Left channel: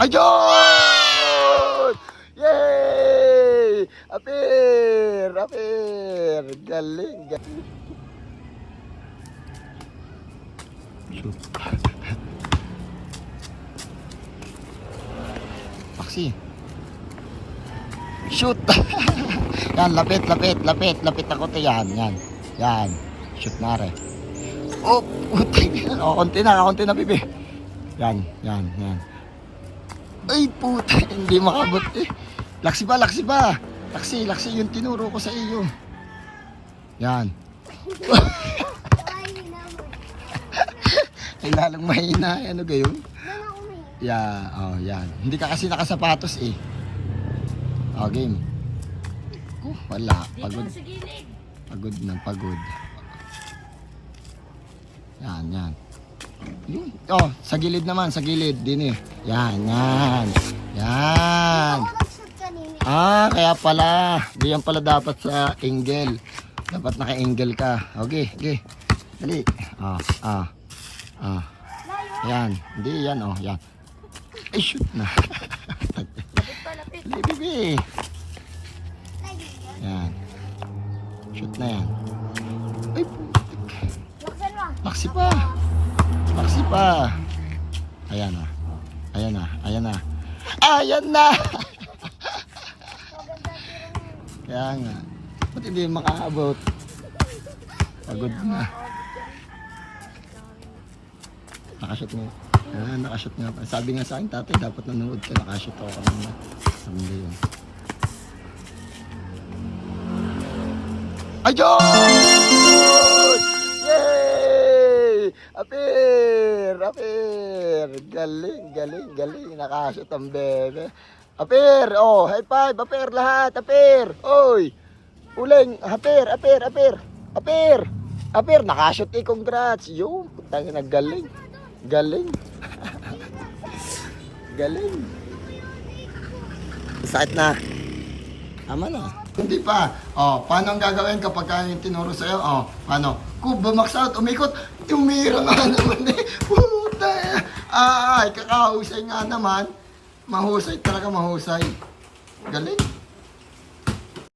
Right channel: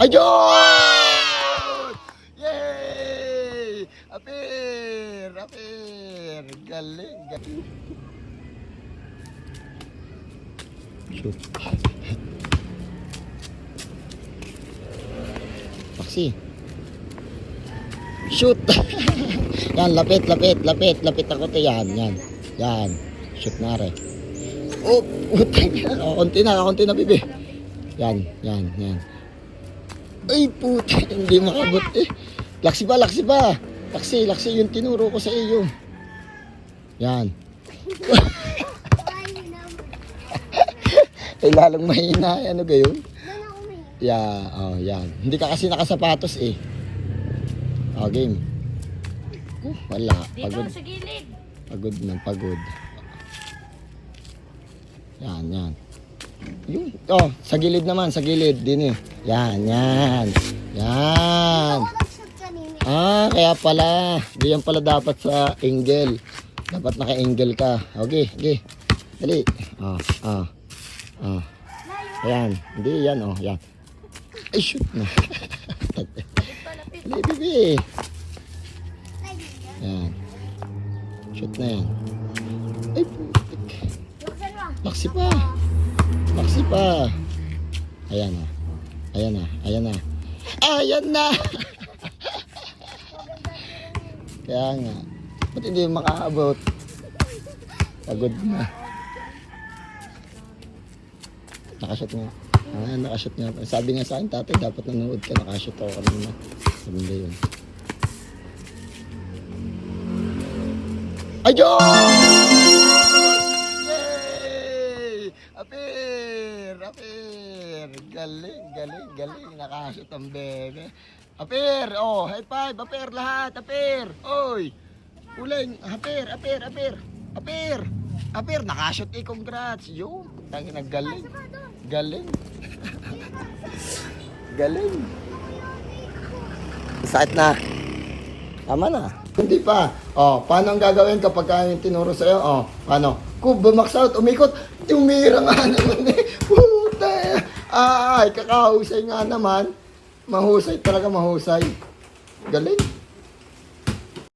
Ayun! Yay! Apir! Apir! Galing! Galing! Shoot. Paksi. Shoot! Yan, lapit, lapit, lapit, lapit ako to. Yan, yan. Yan. Shoot na rin. Oh, putay. Kakunti na, bibi. Yan, yan, yan. Ay, putay. Hindi makabot eh. Laksi ba, laksi ba? Laksi, laksi. Yung tinuro ko sa iyo. Yan. Ay, lalong mahina. Ano gayon? Yan, oh, yan. Hindi ka kasi nakasapatos eh. Oh, game. Wala. Pagod. Dito sa gilid. Pagod na, pagod. Yan, yan. Oh, sa gilid naman, sa gilid. Din eh. Yan, yan. Yan. Ah, kaya pala. Diyan pala dapat sa angle. Dapat naka-angle ka. Okay, okay. Dali. Ayan. Hindi, yan oh. Yan. Ay, shoot na. Dali, bibi. Yan. Shoot na yan. Ay, laksi pa. Laksi pa. Ayan na. Ayan na. Ayan na. Ayan na. Kaya nga. Ba't hindi makaabot? Pagod na. Nakashoot mo. Ah, nakashoot nga. Sabi nga sa akin, tatay, dapat nanonood ka. Nakashoot ako kanina. Sabi nga yun. Ayun! Yay! Apir! Apir! Galing, galing, galing. Nakashoot ang bebe. Apir! Oh, high five! Apir lahat! Apir! Oy! Uling! Apir! Apir! Apir! Apir! Apir! Nakashoot eh! Congrats! Yun! Tangin na galing! Galing! Galing! Sakit na! Tama na! Hindi pa. Oh, paano ang gagawin kapag kaya yung tinuro sa'yo? Oh, paano? Kung bumax out, umikot, umira nga naman eh. Puta! Ay, kakahusay nga naman. Mahusay talaga, mahusay. Galing.